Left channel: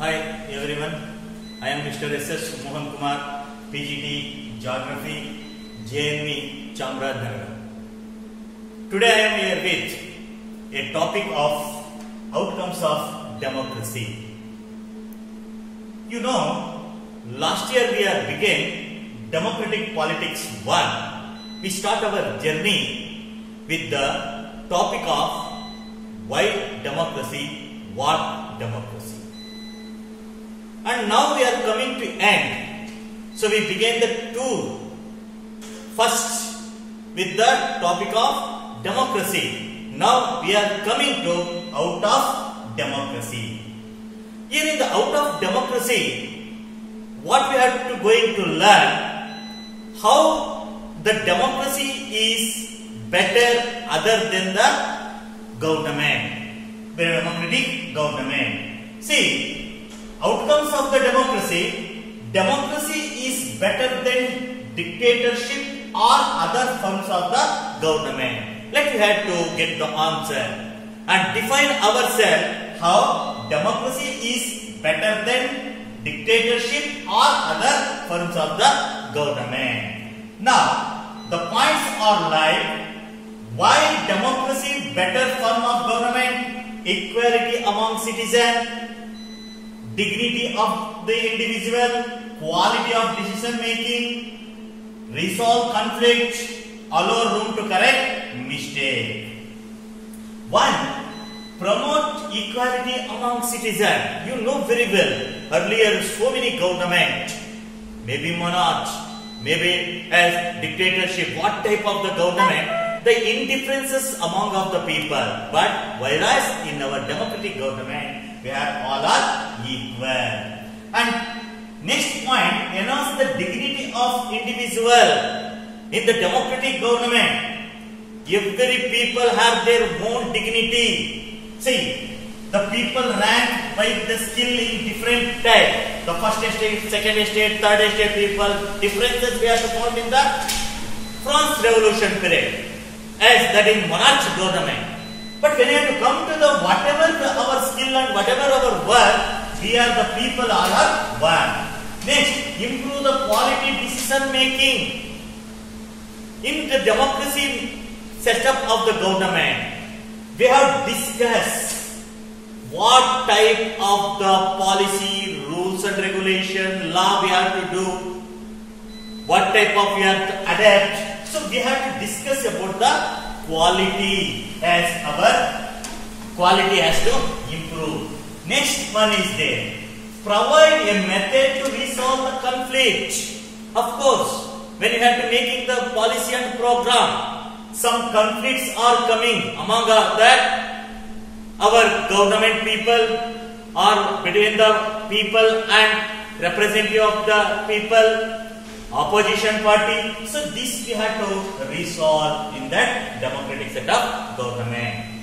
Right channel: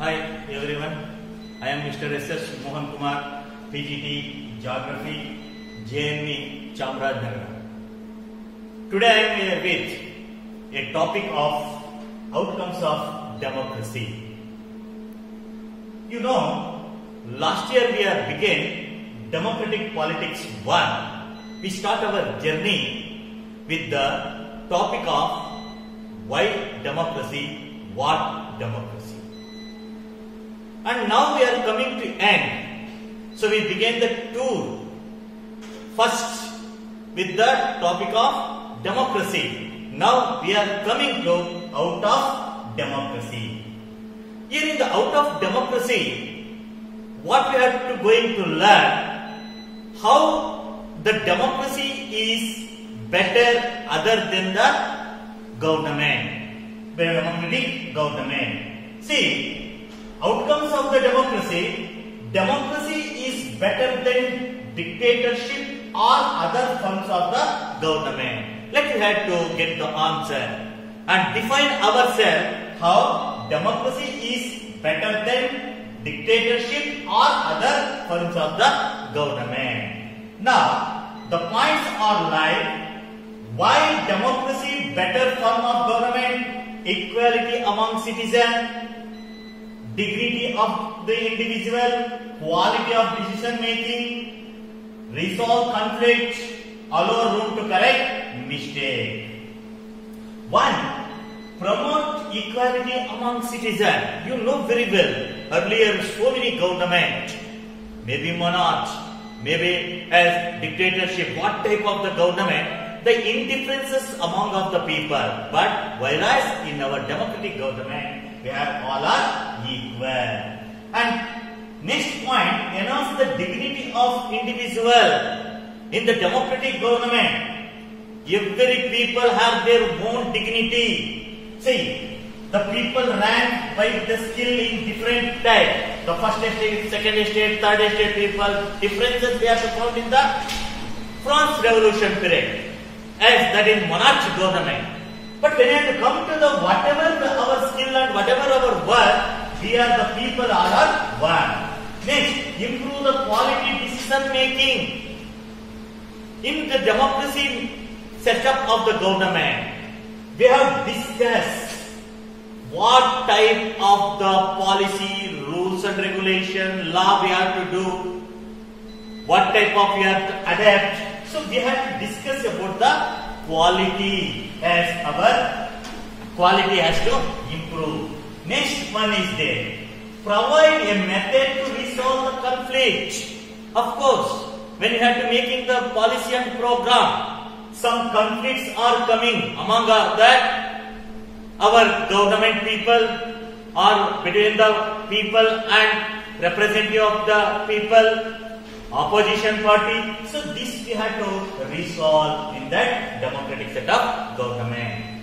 Hi everyone, I am Mr. S.S. Mohan Kumar, PGT Geography, JNV Chamarajanagar. Today I am here with a topic of outcomes of democracy. You know, last year we have begun Democratic Politics 1. We start our journey with the topic of why democracy, what democracy. And now we are coming to end. So we began the tour first with the topic of democracy. Now we are coming to out of democracy. Here in the out of democracy, what we are going to learn, how the democracy is better other than the government. Democratic government. See, outcomes of the democracy is better than dictatorship or other forms of the government. Let us have to get the answer and define ourselves how democracy is better than dictatorship or other forms of the government. Now, the points are like, why democracy better form of government? Equality among citizens, dignity of the individual, quality of decision making, resolve conflict, allow room to correct mistake. 1. Promote equality among citizens. You know very well, earlier so many government, maybe monarch, maybe as dictatorship, what type of the government, the indifferences among of the people. But whereas in our democratic government, we have all are equal. And next point, enhance the dignity of individual. In the democratic government, every people have their own dignity. See, the people rank by the skill in different type. The first estate, second estate, third estate people, differences we have to found in the France Revolution period, as that in monarch government. But when you have to come to the whatever our skill and whatever our work, we are the people all are one. Next, improve the quality decision making. In the democracy setup of the government, we have discussed what type of the policy, rules and regulation, law we have to do, what type of we have to adapt. So we have to discuss about the quality, as our quality has to improve. Next one is there. Provide a method to resolve the conflict. Of course, when you have to making the policy and program, some conflicts are coming among that our government people or between the people and representative of the people, opposition party. So this we have to resolve in that democratic setup government.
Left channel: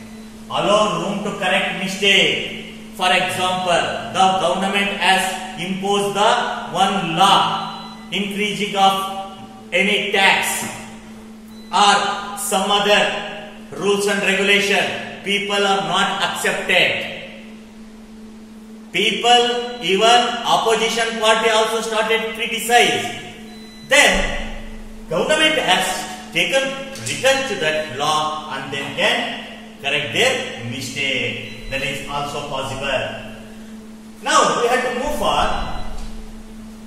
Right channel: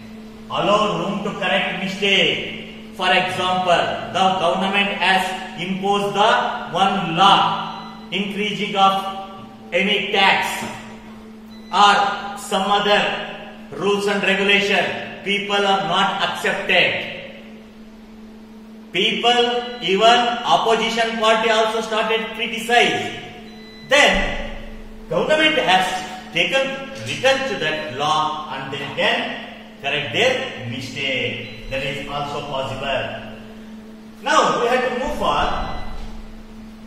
Allow room to correct mistake. For example, the government has imposed the one law increasing of any tax or some other rules and regulation. People are not accepted. People, even opposition party also started to criticize. Then government has returned to that law and then can correct their mistake. That is also possible. Now we have to move for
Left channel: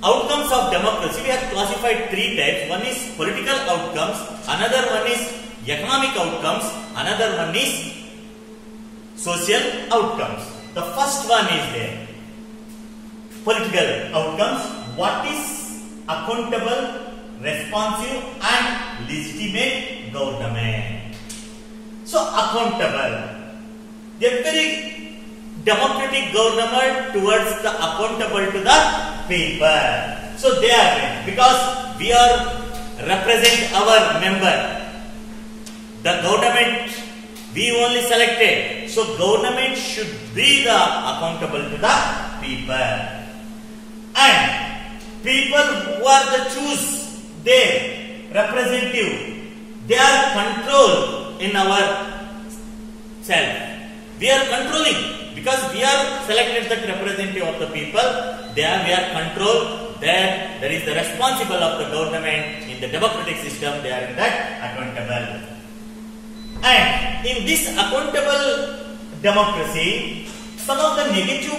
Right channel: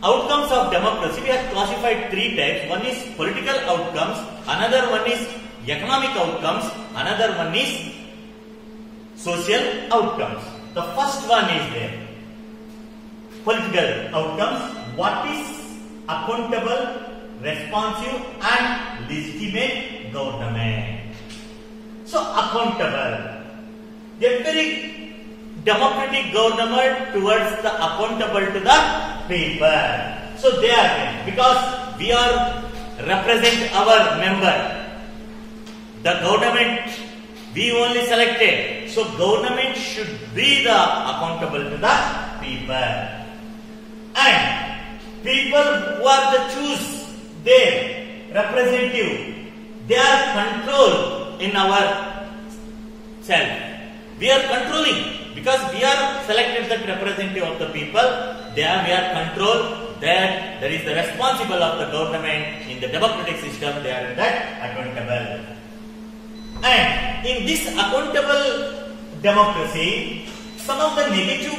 outcomes of democracy. We have classified three types. One is political outcomes, another one is economic outcomes, another one is social outcomes. The first one is there. Political outcomes. What is accountable, responsive and legitimate government? So accountable. Every democratic government towards the accountable to the people. So they are, because we are represent our member. The government we only selected. So government should be the accountable to the people. And people who are the choose their representative, they are controlled in our self. We are controlling. because we are selected the representative of the people. There we are controlled. There is the responsible of the government in the democratic system. They are in that accountable. And in this accountable democracy, some of the negative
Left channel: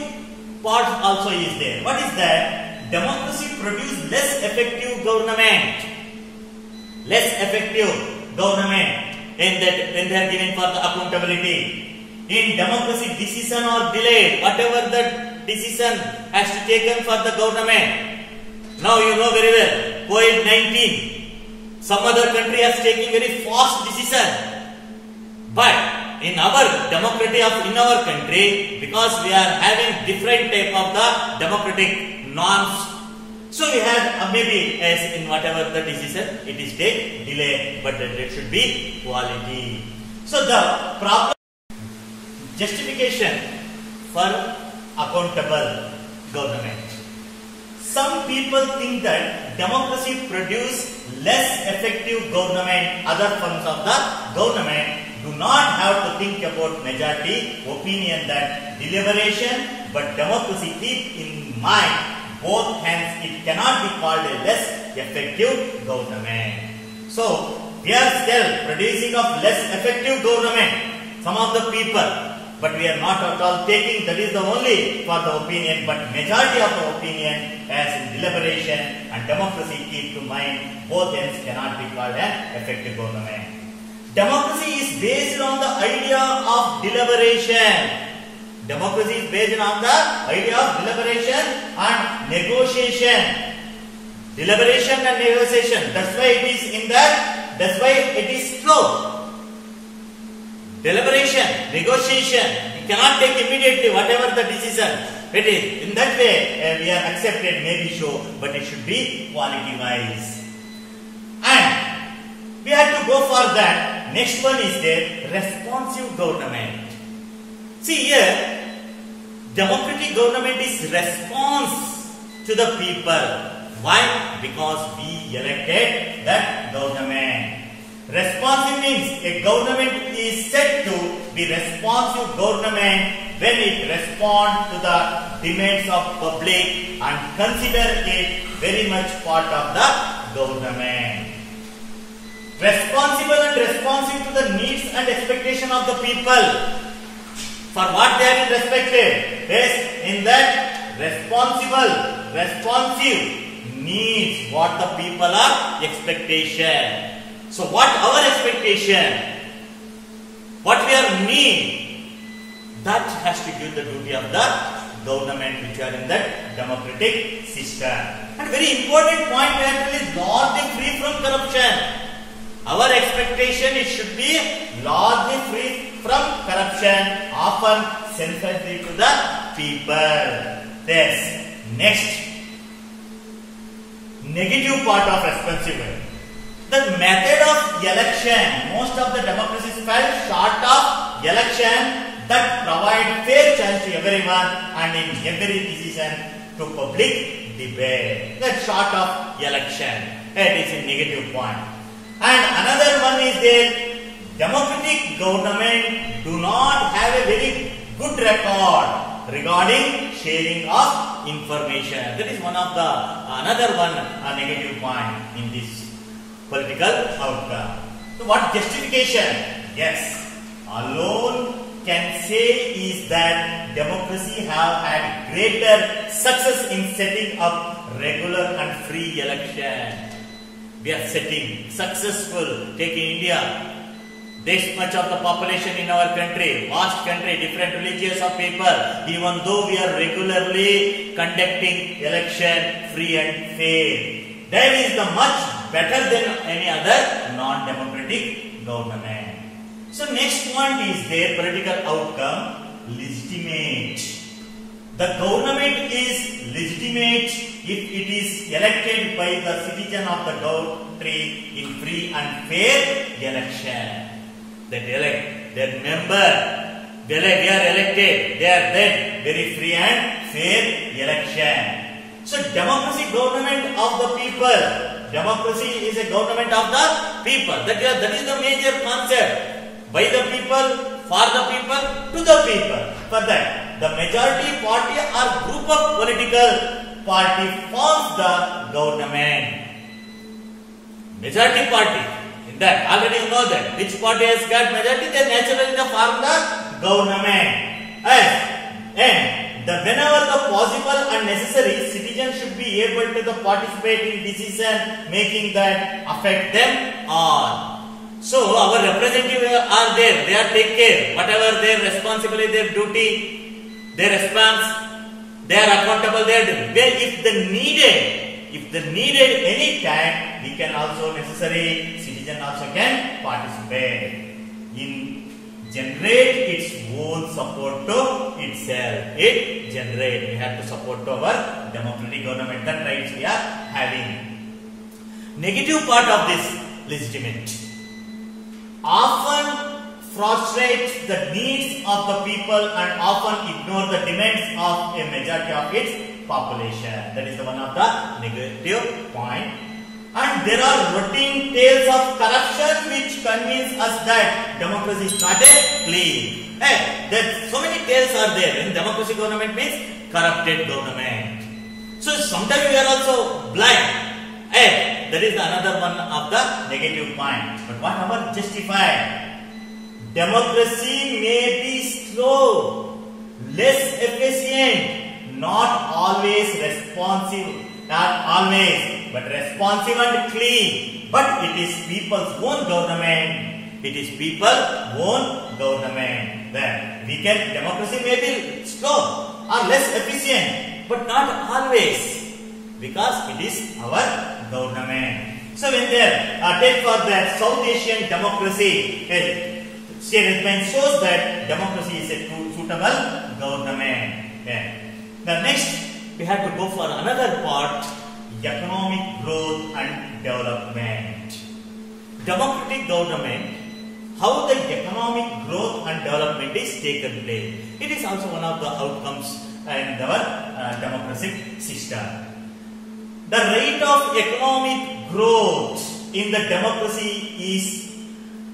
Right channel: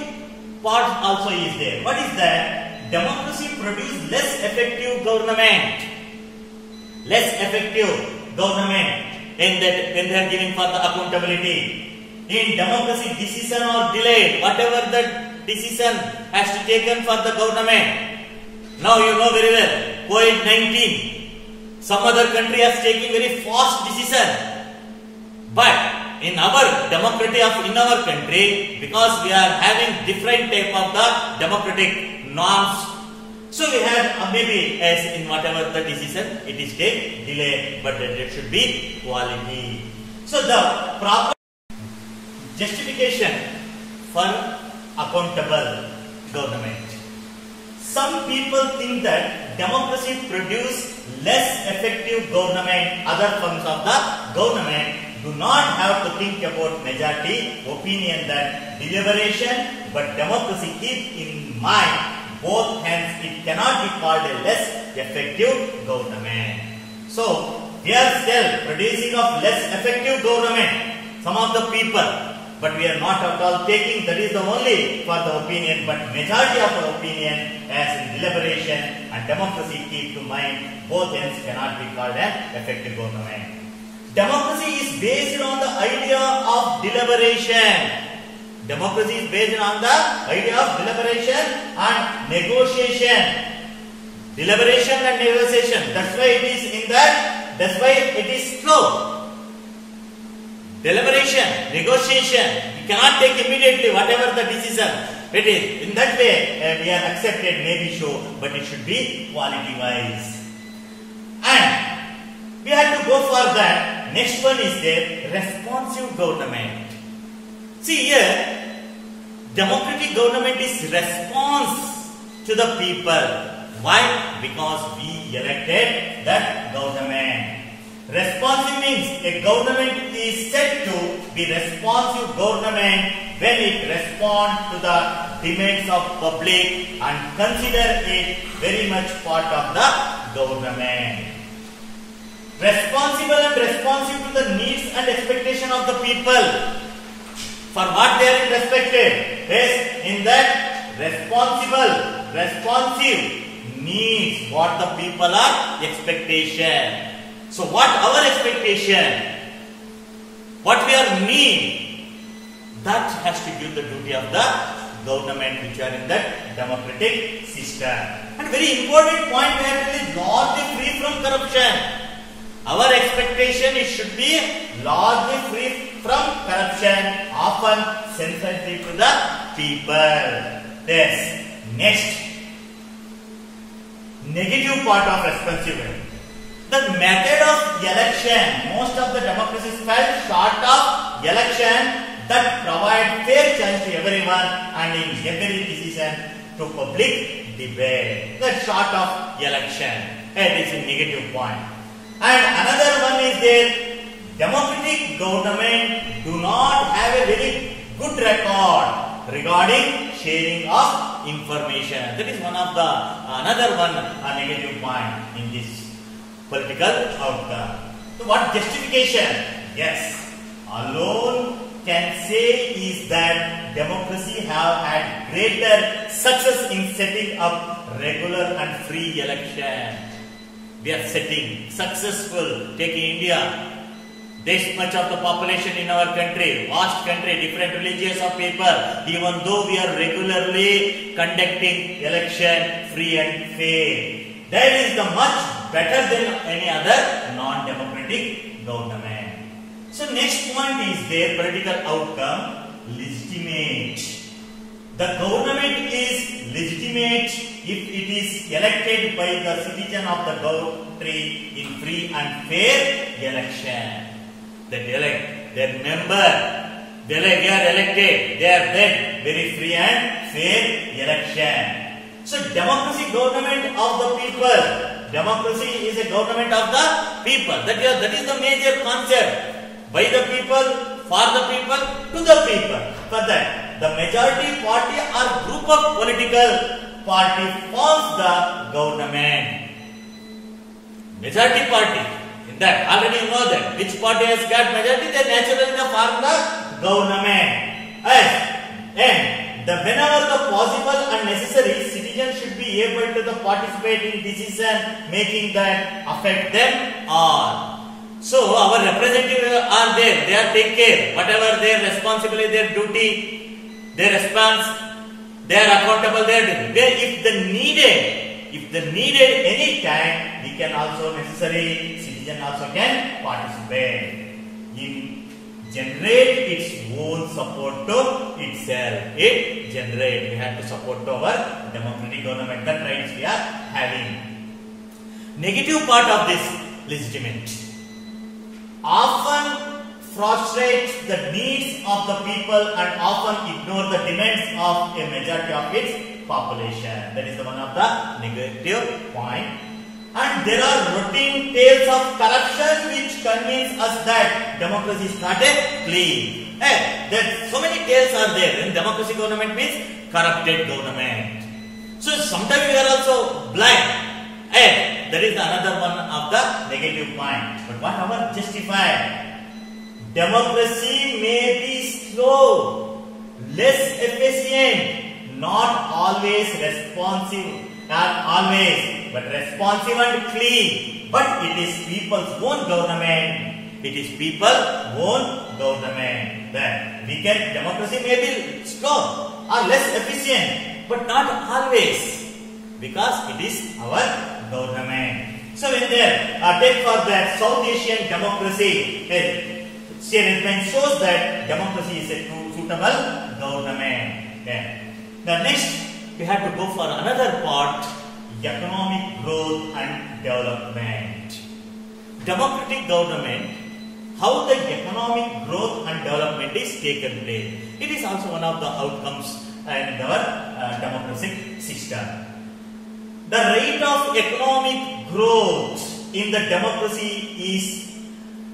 parts also is there. What is that? Democracy produces less effective government. Less effective government when they are given for the accountability. In democracy, decision are delayed. Whatever the decision has to taken for the government. Now you know very well, COVID-19. Some other country has taken very fast decision. But in our democracy in our country, because we are having different type of the democratic norms, so we have maybe as in whatever the decision it is take delay, but there should be quality. So the problem justification for accountable government. Some people think that democracy produce less effective government. Other forms of the government do not have to think about majority opinion that deliberation, but democracy keep in mind both hands. It cannot be called a less effective government. So we are still producing of less effective government. Some of the people, but we are not at all taking that is the only for the opinion, but majority of the opinion as in deliberation and democracy keep to mind both ends cannot be called an effective government. Democracy is based on the idea of deliberation. Democracy is based on the idea of deliberation and negotiation. Deliberation and negotiation. That's why it is in that. That's why it is slow. Deliberation, negotiation. You cannot take immediately whatever the decision it is. In that way, we are accepted, maybe so, but it should be quality wise. And we have to go for that. Next one is the responsive government. See here, democratic government is response to the people. Why? Because we elected that government. Responsive means a government is said to be responsive government when it responds to the demands of public and consider it very much part of the government. Responsible and responsive to the needs and expectation of the people. For what they are respected? Yes, in that responsible, responsive needs what the people are expectation. So what our expectation? What we are need? That has to give the duty of the government which are in that democratic system. And very important point actually is largely free from corruption. Our expectation it should be largely free from corruption, often sensitive to the people. Yes. Next, negative part of responsibility. The method of election, most of the democracies fell short of election that provide fair chance to everyone and in every decision to public debate. That short of election, that is a negative point. And another one is that democratic government do not have a very good record regarding sharing of information. That is one of the another one negative point in this political outcome. So what justification? Yes, alone can say is that democracy have had greater success in setting up regular and free election. We are setting successful. Take India. This much of the population in our country, vast country, different religions of people, even though we are regularly conducting election free and fair. That is the much better than any other non-democratic government. So next point is their political outcome, legitimate. The government is legitimate if it is elected by the citizen of the country in free and fair election. That elect their member, they are elected, they are then very free and fair election. So democracy government of the people. Democracy is a government of the people. That is the major concept. By the people, for the people, to the people. For that. the majority party or group of political party forms the government. Majority party, in that already you know that which party has got majority, they naturally form the government. And whenever the possible and necessary, citizens should be able to participate in decision making that affect them all. So our representatives are there, they are take care, whatever their responsibility, their duty, their response, they are accountable, they are doing. If the needed any time, we can also necessary, citizen also can participate in generate its own support to itself. We have to support to our democratic government, that rights we are having. Negative part of this legitimate often frustrates the needs of the people and often ignore the demands of a majority of its population. That is one of the negative point. And there are routine tales of corruption which convince us that democracy is not a clean. So many tales are there. In democracy, government means corrupted government. So sometimes we are also blind. That is another one of the negative point. But what our justified? Democracy may be slow, less efficient, not always responsive. Not always, but responsive and clean. But it is people's own government. It is people's own government. Then democracy may be slow or less efficient, but not always, because it is our government. So when there take for the South Asian democracy, statement shows that democracy is a suitable government. The next, we have to go for another part, economic growth and development. Democratic government, how the economic growth and development is taken place. It is also one of the outcomes in our democratic system. The rate of economic growth in the democracy is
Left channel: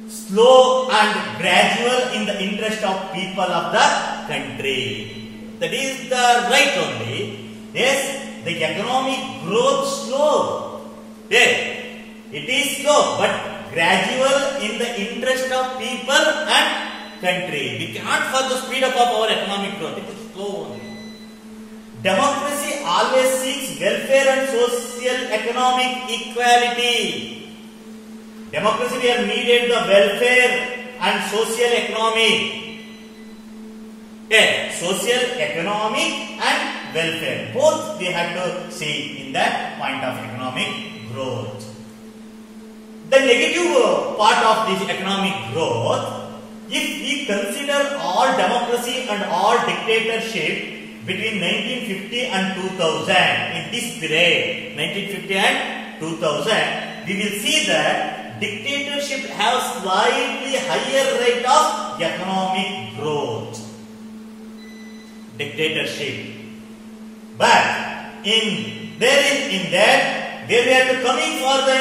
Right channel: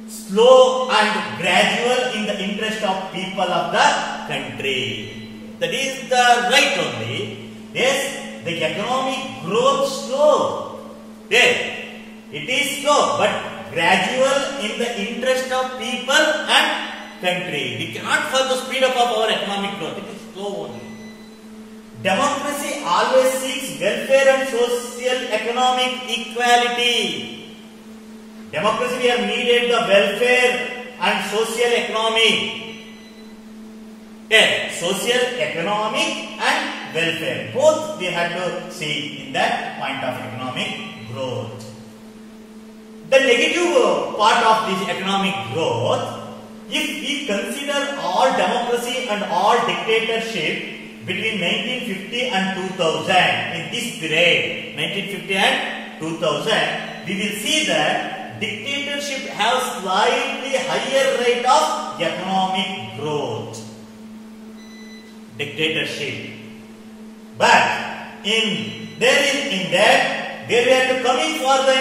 slow and gradual in the interest of people of the country. That is the right only. Yes, the economic growth slow. Yes, it is slow but gradual in the interest of people and country. We cannot further speed up of our economic growth. It is slow only. Democracy always seeks welfare and social economic equality. Democracy we have needed the welfare and social economic. Yes, social economic and welfare. Both we have to see in that point of economic growth. The negative part of this economic growth, if we consider all democracy and all dictatorship between 1950 and 2000, in this period, 1950 and 2000, we will see that dictatorship has slightly higher rate of economic growth. Dictatorship. But in that, where we are coming for the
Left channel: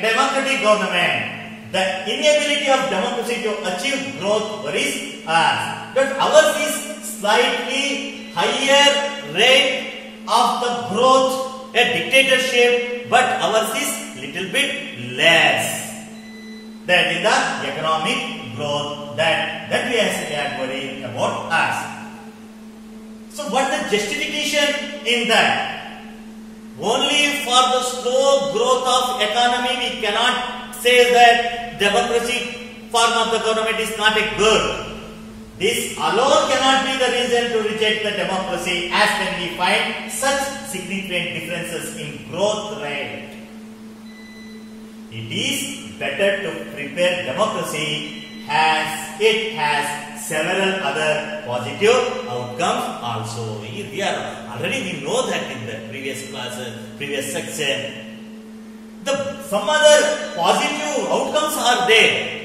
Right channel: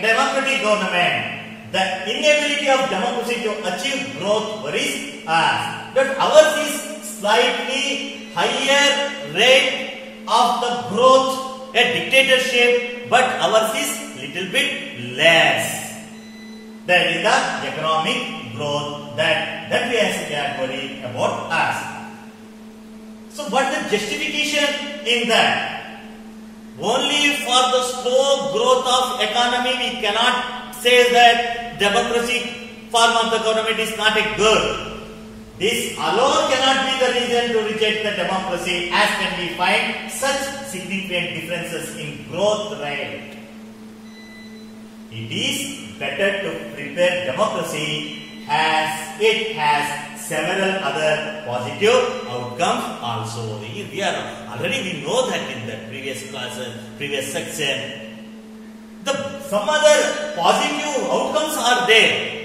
democratic government, the inability of democracy to achieve growth worries us. But ours is slightly higher rate of the growth, a dictatorship, but ours is little bit less. That is the economic growth that we are worrying about us. So what is the justification in that? Only for the slow growth of economy we cannot say that democracy form of the government is not a good. This alone cannot be the reason to reject the democracy, as when we find such significant differences in growth rate. It is better to prepare democracy as it has several other positive outcomes also. We know that in the previous classes, previous section. Some other positive outcomes are there.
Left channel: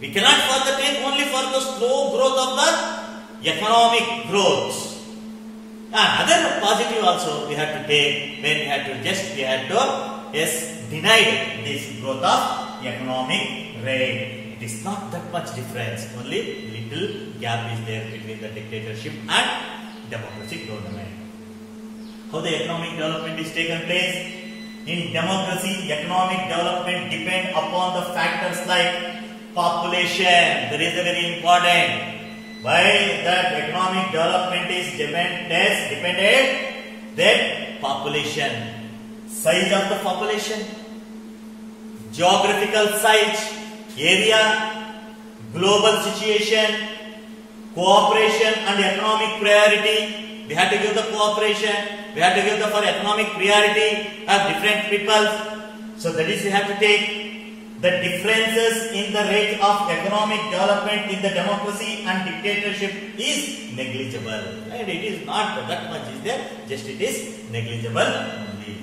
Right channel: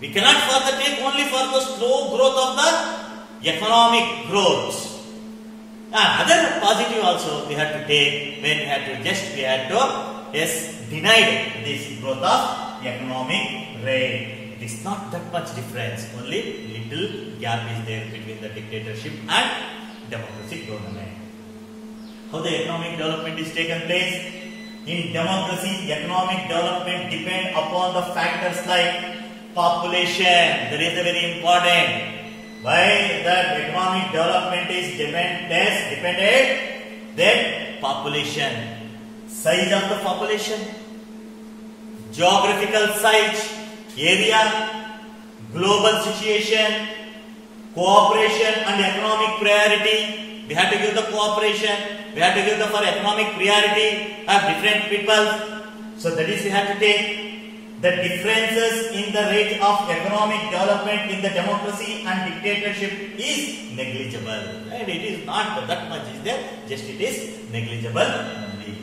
We cannot further take only for the slow growth of the economic growth. And other positive also we have to take when we had to deny this growth of economic rate. it is not that much difference. Only little gap is there between the dictatorship and democratic government. How the economic development is taken place? In democracy, economic development depend upon the factors like population. That is very important. Why that economic development is dependent? Then population, size of the population, geographical size, area, global situation, cooperation and economic priority. We have to give the cooperation. We have to give the for economic priority of different peoples. So that is we have to take the differences in the rate of economic development in the democracy and dictatorship is negligible. Right? It is not that much is there, just it is negligible only.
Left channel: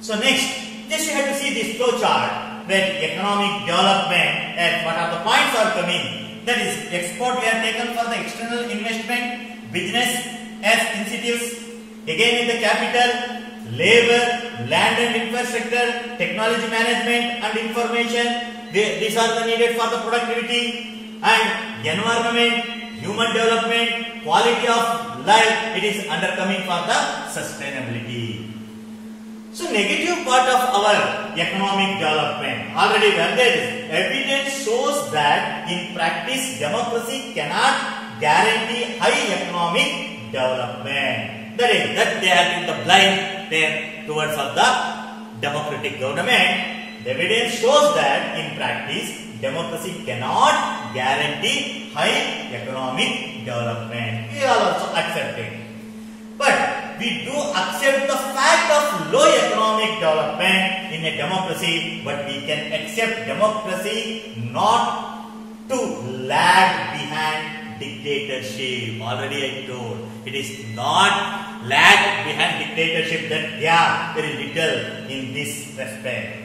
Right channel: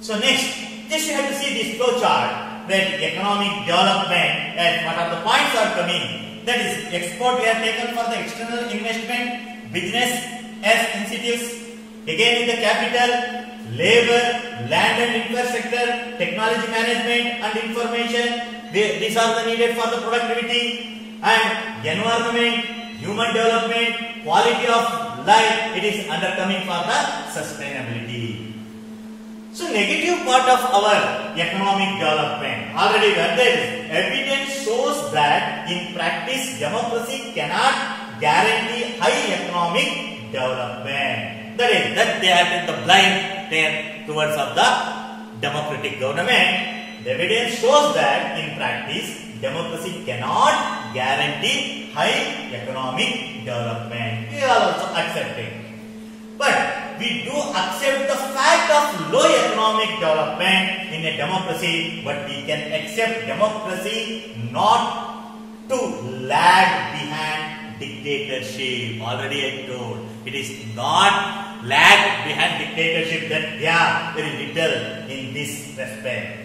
So next, just you have to see this flow chart where economic development and what are the points are coming. That is export we have taken for the external investment, business as incentives, again in the capital, labor, land and infrastructure, technology management and information. These are the needed for the productivity and environment, human development, quality of life. It is undercoming for the sustainability. So negative part of our economic development, already when there is evidence shows that in practice democracy cannot guarantee high economic development. That is that they are in the blind there towards of the democratic government. The evidence shows that in practice democracy cannot guarantee high economic development. We are also accepting. But we do accept the fact of low economic development in a democracy, but we can accept democracy not to lag behind dictatorship. Already I told, it is not lag behind dictatorship, that gap very little in this respect.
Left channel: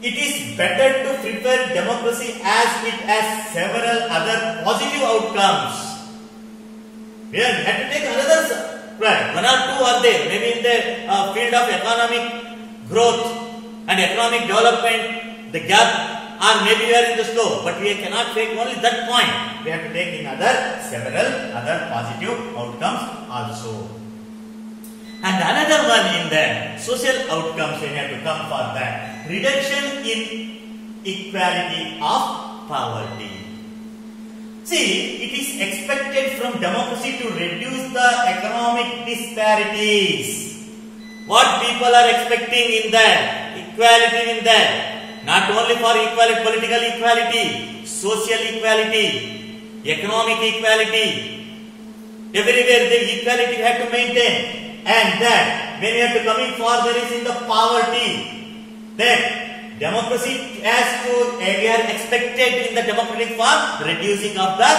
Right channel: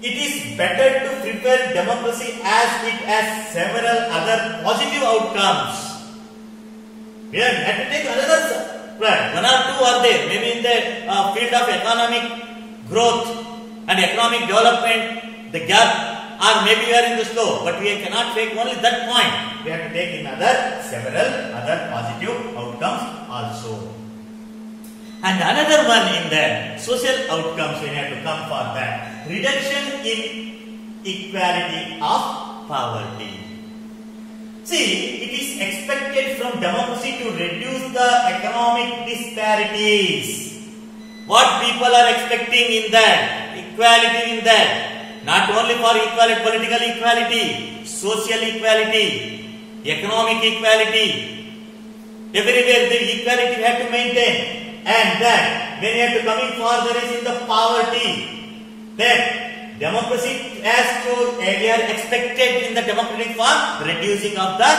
It is better to prepare democracy as it has several other positive outcomes. We have to take another. Right. One or two are there, maybe in the field of economic growth and economic development, the gap, or maybe we are in the slow, but we cannot take only that point. We have to take in several other positive outcomes also. And another one in the social outcomes we have to come for that. Reduction in equality of poverty. See, it is expected from democracy to reduce the economic disparities. What people are expecting in that? Equality in that. Not only for equality, political equality, social equality, economic equality. Everywhere the equality we have to maintain. And then, when you have to coming for there is in the poverty. Then, democracy has to, we are expected in the democratic form, reducing of the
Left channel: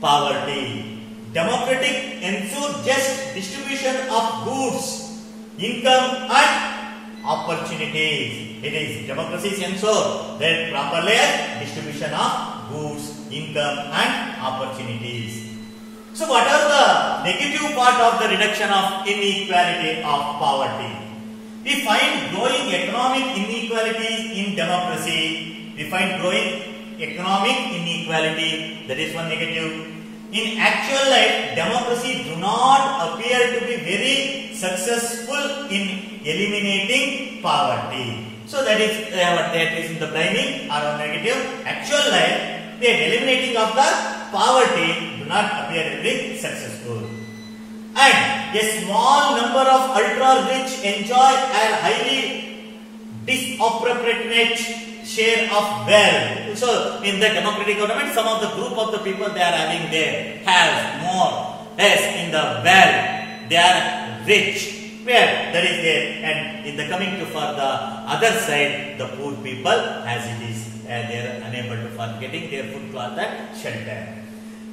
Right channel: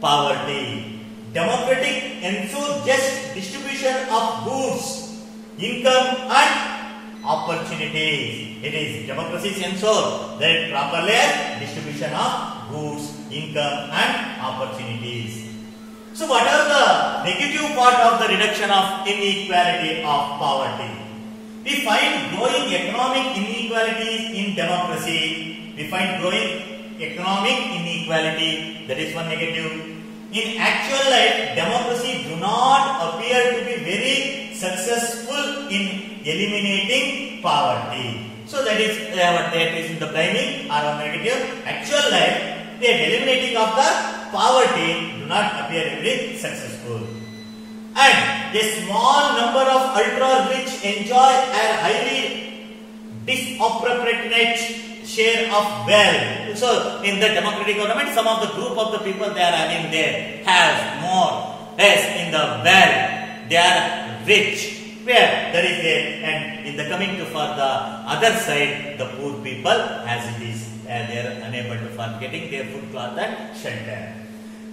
poverty. Democratic ensure just distribution of goods, income and opportunities. It is democracy ensure that properly distribution of goods, income and opportunities. So what are the negative part of the reduction of inequality of poverty? We find growing economic inequalities in democracy. We find growing economic inequality. That is one negative. In actual life, democracy do not appear to be very successful in eliminating poverty. So that is what that is in the blaming or negative. Actual life, the eliminating of the poverty do not appear very successful. And a small number of ultra-rich enjoy a highly disproportionate share of wealth. So, in the democratic government, some of the group of the people they are having there has more, less in the wealth. They are rich. Where there is a, and in the coming to for the other side, the poor people as it is, they are unable to for getting their food, cloth and shelter.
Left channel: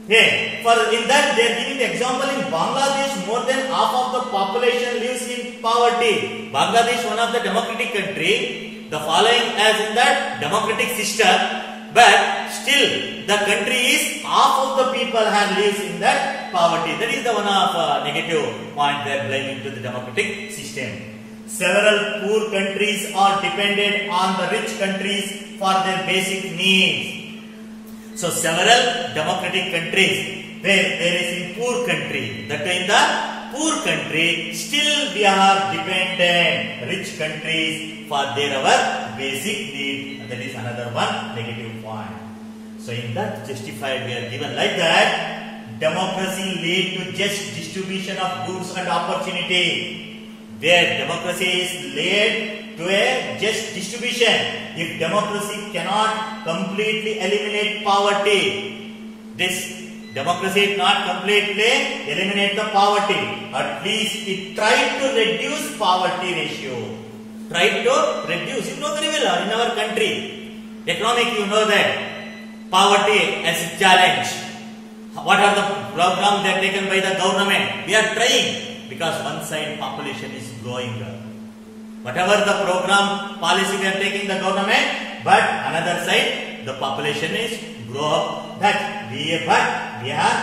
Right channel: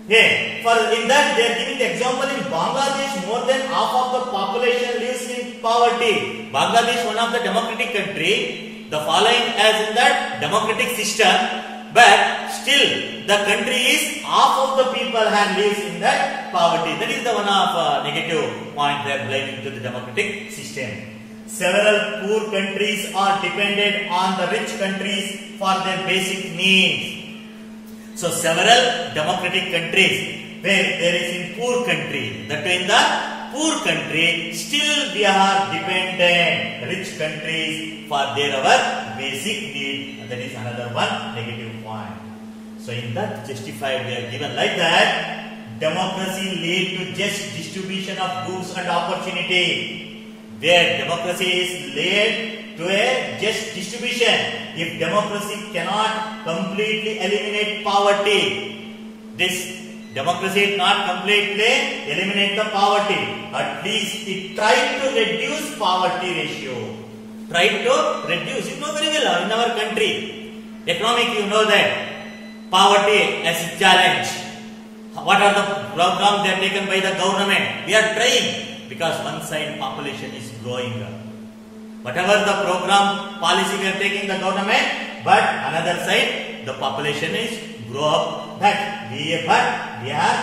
Yeah, for in that they are giving the example in Bangladesh, more than half of the population lives in poverty. Bangladesh, one of the democratic country, the following as in that democratic system, but still the country is half of the people have lives in that poverty. That is the one of negative point they are blaming to the democratic system. Several poor countries are dependent on the rich countries for their basic needs. So several democratic countries where there is in poor country, that in the poor country still we are dependent rich countries for their our basic need, and that is another one negative point. So in that justified we are given like that democracy lead to just distribution of goods and opportunity. Where democracy is led to a just distribution. If democracy cannot completely eliminate poverty, this democracy not completely eliminate the poverty. At least it tried to reduce poverty ratio. Tried to reduce. You know very well in our country, economic you know that poverty as a challenge. What are the programs that are taken by the government? We are trying. Because one side population is growing up. Whatever the program policy we are taking the government, but another side the population is grow up. That we are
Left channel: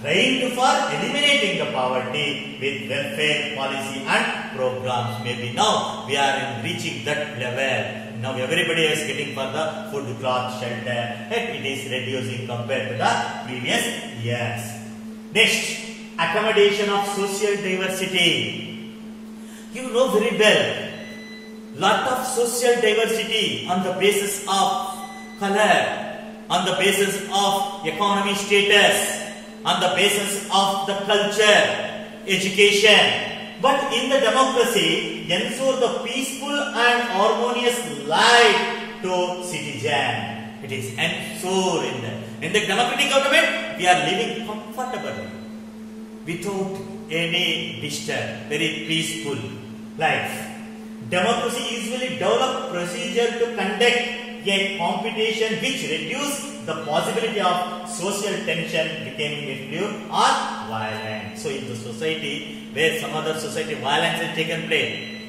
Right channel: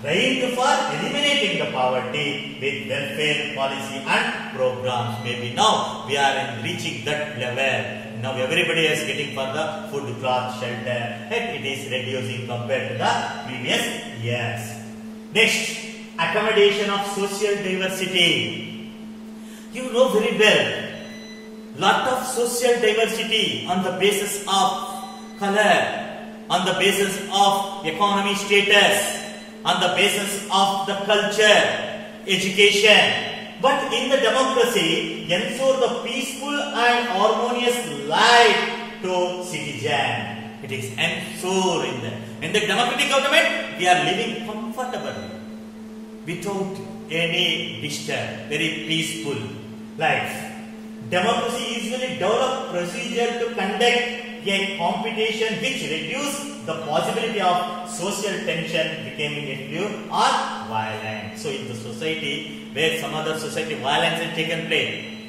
trying for eliminating the poverty with welfare policy and programs. Maybe now we are reaching that level. Now everybody is getting for the food, cloth, shelter, and it is reducing compared to the previous years. Next. Accommodation of social diversity. You know very well, lot of social diversity on the basis of color, on the basis of economy status, on the basis of the culture, education. But in the democracy, ensure the peaceful and harmonious life to citizen. It is ensured in the democratic government, we are living comfortably. Without any disturb, very peaceful life. Democracy usually develop procedure to conduct a competition which reduce the possibility of social tension becoming a few or violence. So in the society where some other society violence has taken place,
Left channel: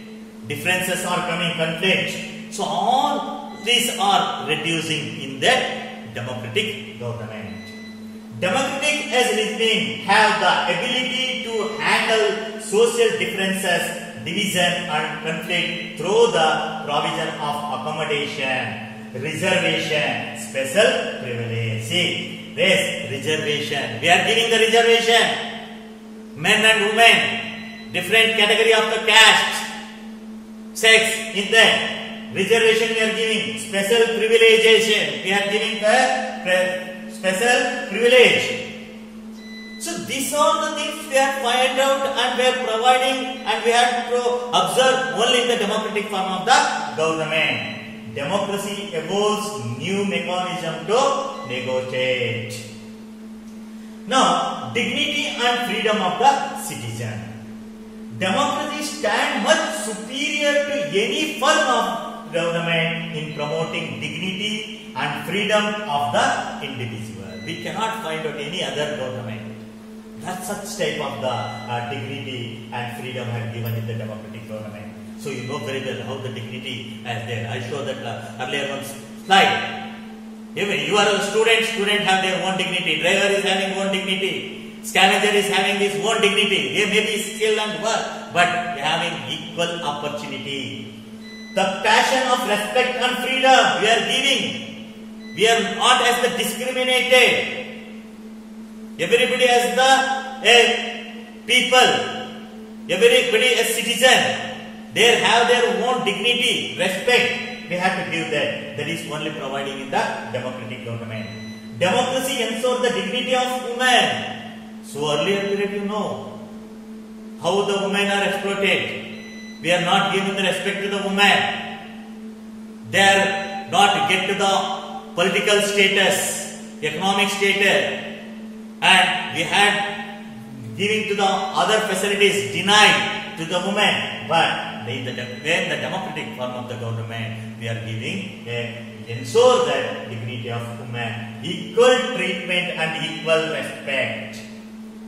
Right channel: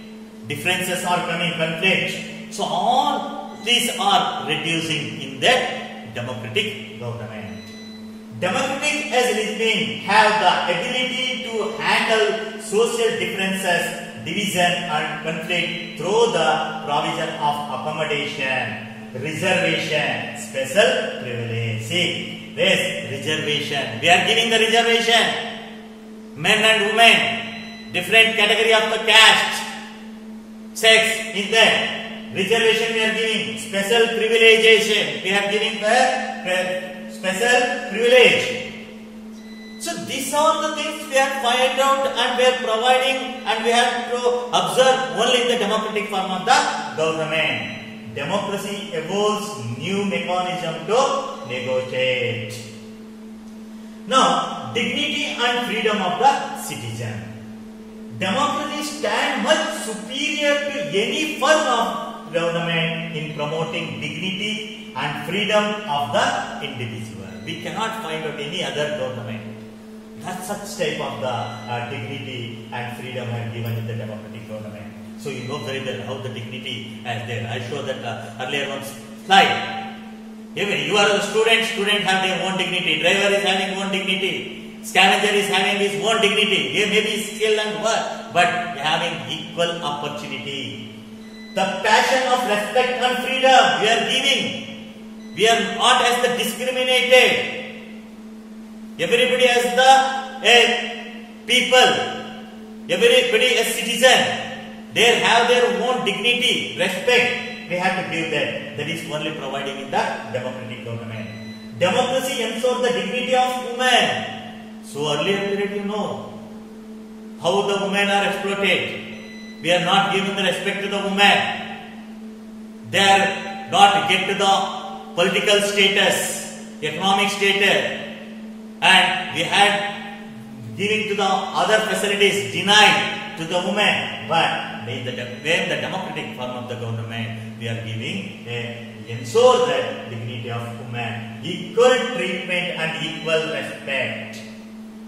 differences are coming, conflict. So all these are reducing in that democratic government. Democratic as reasoning have the ability to handle social differences, division and conflict through the provision of accommodation, reservation, special privilege. See, this reservation. We are giving the reservation. Men and women, different category of the caste, sex in that. Reservation we are giving. Special privilegation. We are giving the special privilege. So these are the things we have find out and we are providing and we have to observe only in the democratic form of the government. Democracy evolves new mechanism to negotiate. Now, dignity and freedom of the citizen. Democracy stands much superior to any form of government in promoting dignity and freedom of the individual. We cannot find out any other government that such type of the dignity and freedom have given in the democratic government. So you know very well how the dignity is there. I showed that earlier one slide. Even you are a student have their own dignity. Driver is having own dignity. Scavenger is having his own dignity. They may be skilled and work, but they are having equal opportunity. The passion of respect and freedom we are giving. We are not as the discriminated. Everybody as the people. Everybody as citizen. They have their own dignity, respect. We have to give that. That is only providing in the democratic government. Democracy ensures the dignity of women. So earlier let you know how the women are exploited. We are not giving the respect to the women. They are not get to the political status, economic status, and we had giving to the other facilities denied to the women. But in the democratic form of the government, we are giving ensure that dignity of women, equal treatment and equal respect.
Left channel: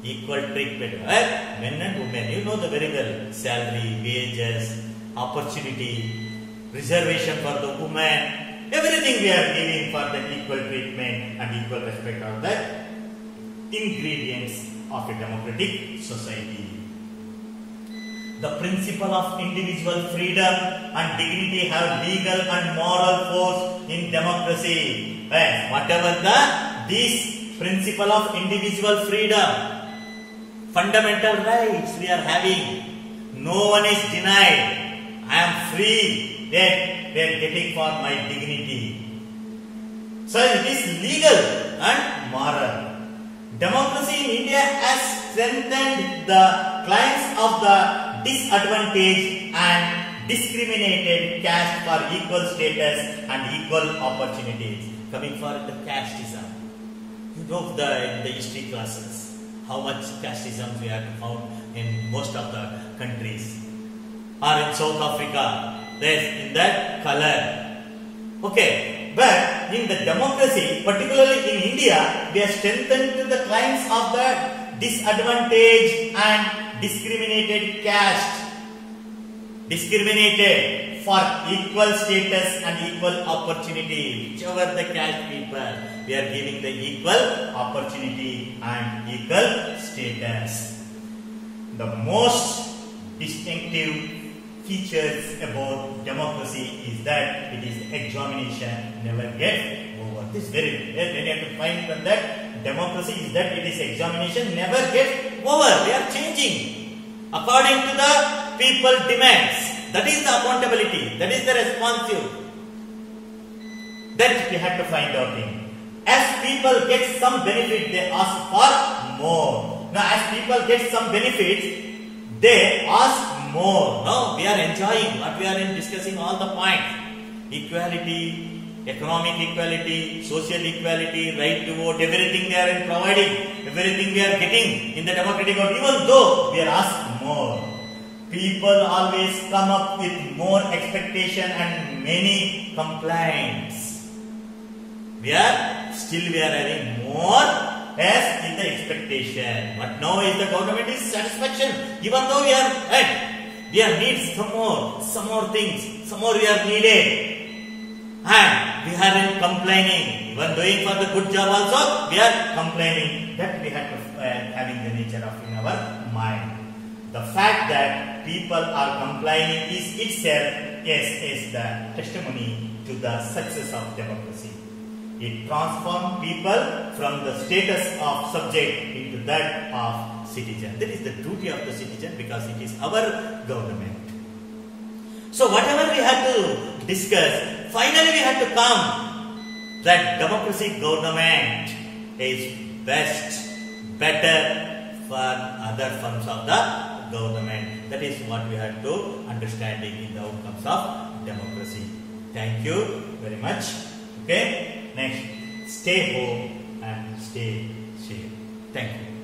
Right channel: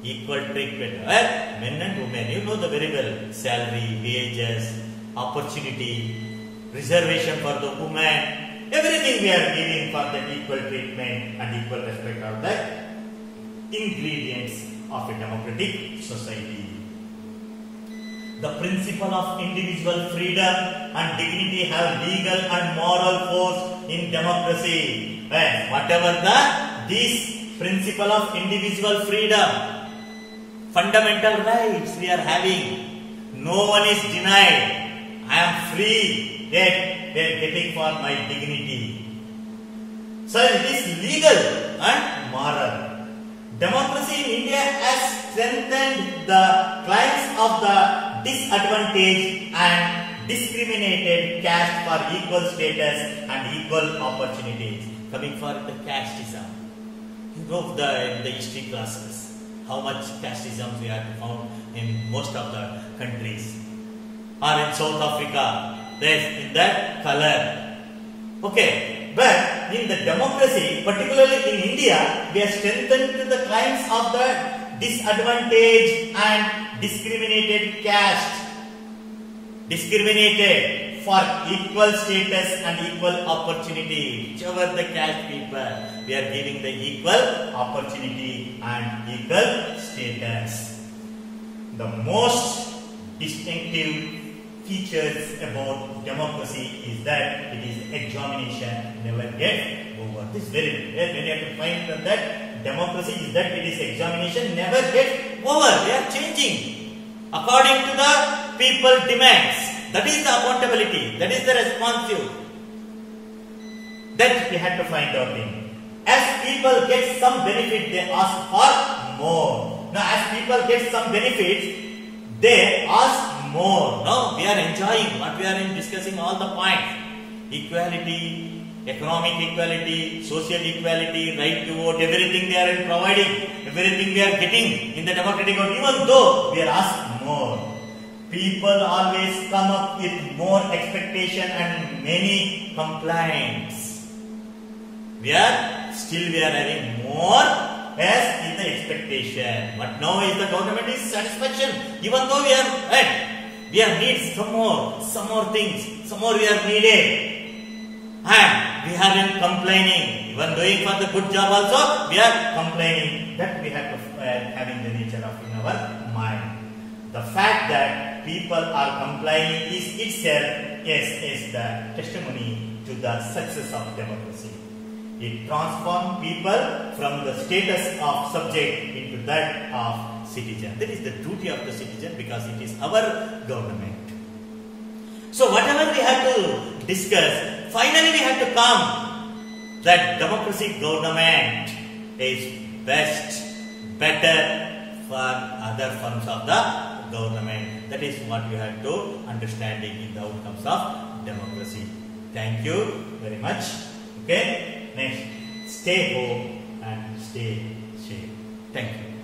Equal treatment, right? Men and women, you know the very well, salary, wages, opportunity, reservation for the women. Everything we are giving for the equal treatment and equal respect are the ingredients of a democratic society. The principle of individual freedom and dignity have legal and moral force in democracy. Whatever the this principle of individual freedom, fundamental rights we are having. No one is denied. I am free, yet we are getting for my dignity. So it is legal and moral. Democracy in India has strengthened the claims of the disadvantaged and discriminated caste for equal status and equal opportunities. Coming for the casteism, you know in the history classes how much casteism we have found in most of the countries, or in South Africa, there in that color. Okay, but in the democracy, particularly in India, we have strengthened the claims of the disadvantaged and discriminated caste, discriminated for equal status and equal opportunity. Whichever the caste people, we are giving the equal opportunity and equal status. The most distinctive features about democracy is that it is examination never gets over. This is very when you have to find from that democracy is that it is examination never gets over. We are changing according to the people demands. That is the accountability. That is the responsive. That we have to find out in. As people get some benefit, they ask for more. Now, as people get some benefits, they ask more. Now we are enjoying what we are discussing all the points. Equality, economic equality, social equality, right to vote, everything they are providing, everything they are getting in the democratic vote, even though we are asked more. People always come up with more expectation and many complaints. We are having more as in the expectation. But now is the government is satisfaction. Even though we are need some more things, some more we are needed. And we are in complaining. Even doing for the good job also, we are complaining. That we have to having the nature of in our mind. The fact that people are complaining is itself is the testimony to the success of democracy. It transforms people from the status of subject into that of citizen. That is the duty of the citizen because it is our government. So whatever we have to discuss, finally we have to come that democracy government is best, better for other forms of the government. That is what we have to understand in the outcomes of democracy. Thank you very much. Okay. Next, stay home and stay safe. Thank you.